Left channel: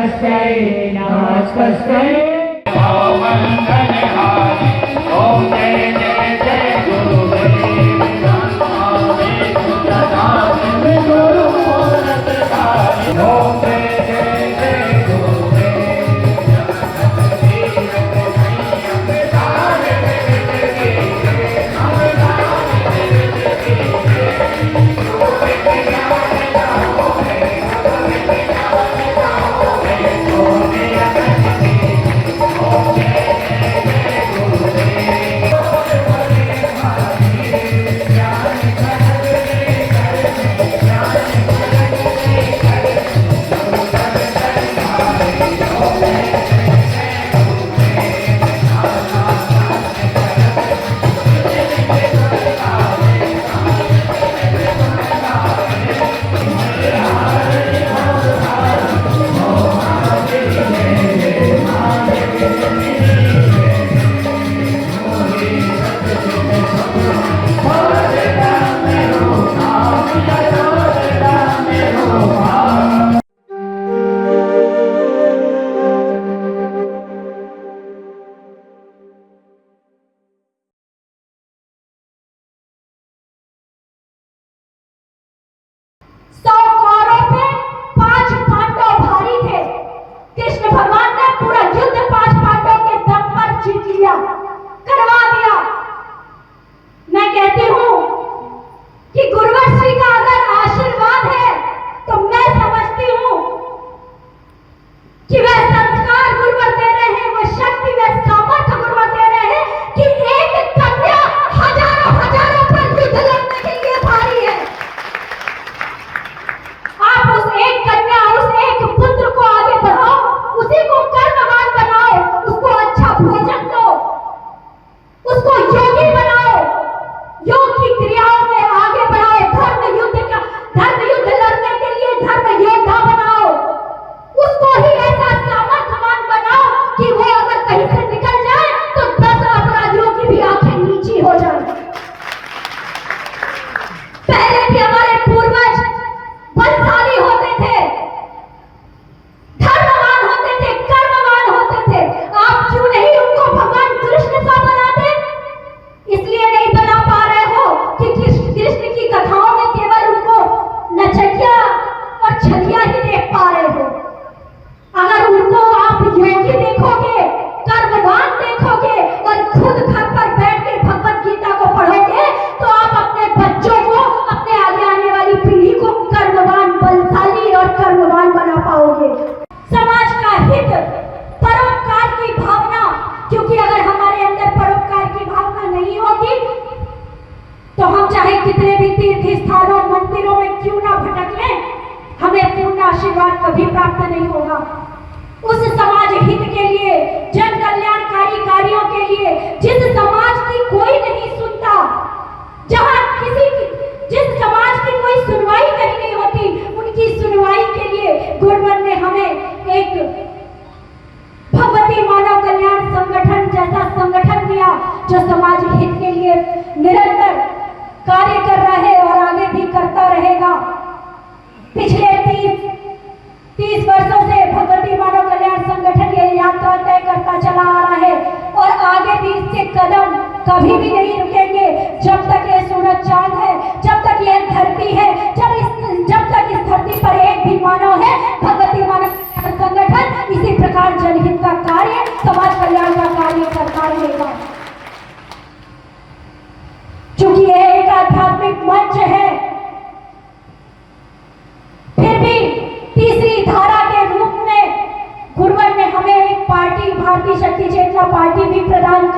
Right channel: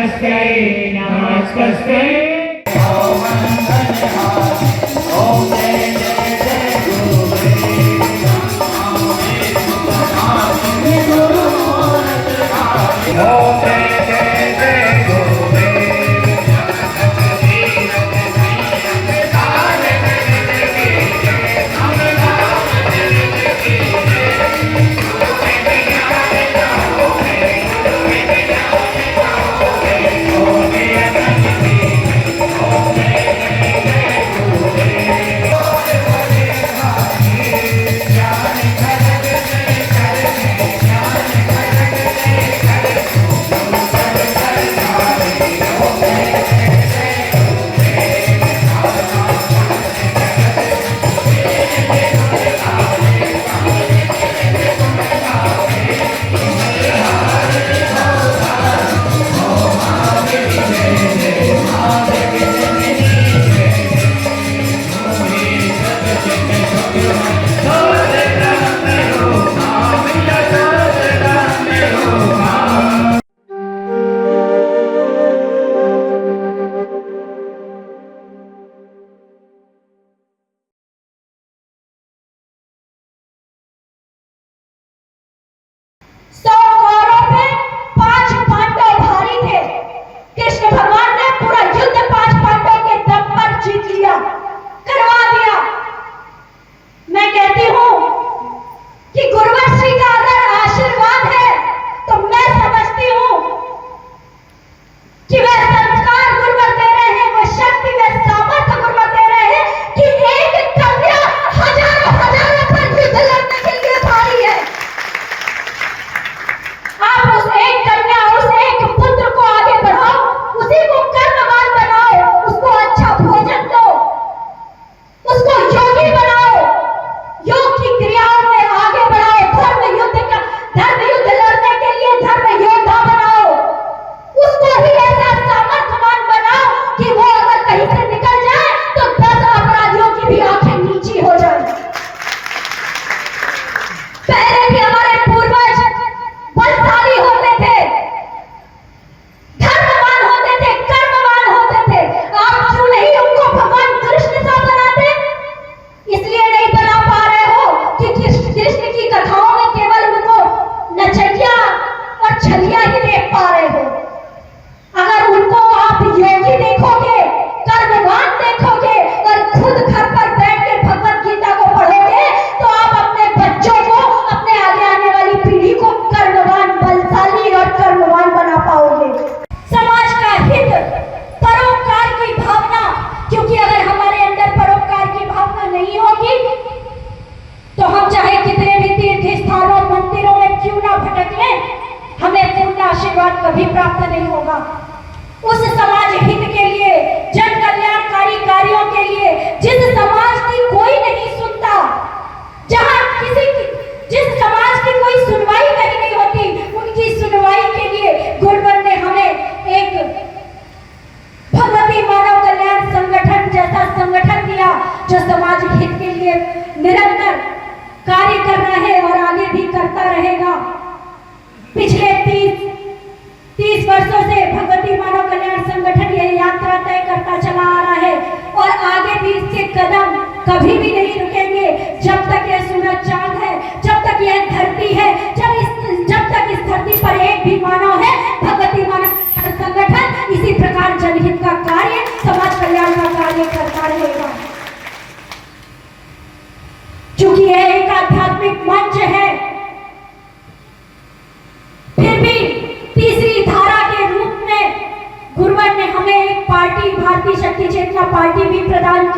नमस्ते नमस्ते। ओम जय जय जय गुरुदेव ओम जय जय जय कभी प्राप्त नहीं होगा। उस समाज हित के लिए, जन कल्याणकारी कार्यों के लिए, जिस समाज की कोई नहीं सुनता, जहां जिस समाज की कोई सुनवाई कहीं नहीं होती, उनकी सुनवाई के लिए गुरुवर ने हमें एक भगवती मानव कल्याण संगठन जैसा संगठन दिया, जो समाज हित के लिए निरंतर कार्य कर रहा है और आगे भी करता रहेगा। पिछले 30 वर्षों से भगवती मानव कल्याण संगठन ये यात्रा तय करता चला आ रहा है और आगे भी इसके कदम कभी भी नहीं रुकेंगे। जब तक यह सूरज चांद है, जब तक यह धरती है, जब तक इस धरती पर एक भी मानव है, भगवती मानव संगठन इसी प्रकार जनहित का कार्य, समाज कल्याण का कार्य करता रहेगा। चूंकि यह एक आध्यात्मिक मंच है, फिर भी तीसरी धारा के रूप में गुरुवर ने हमें एक पार्टी, भारतीय शक्ति चेतना पार्टी भी प्रदान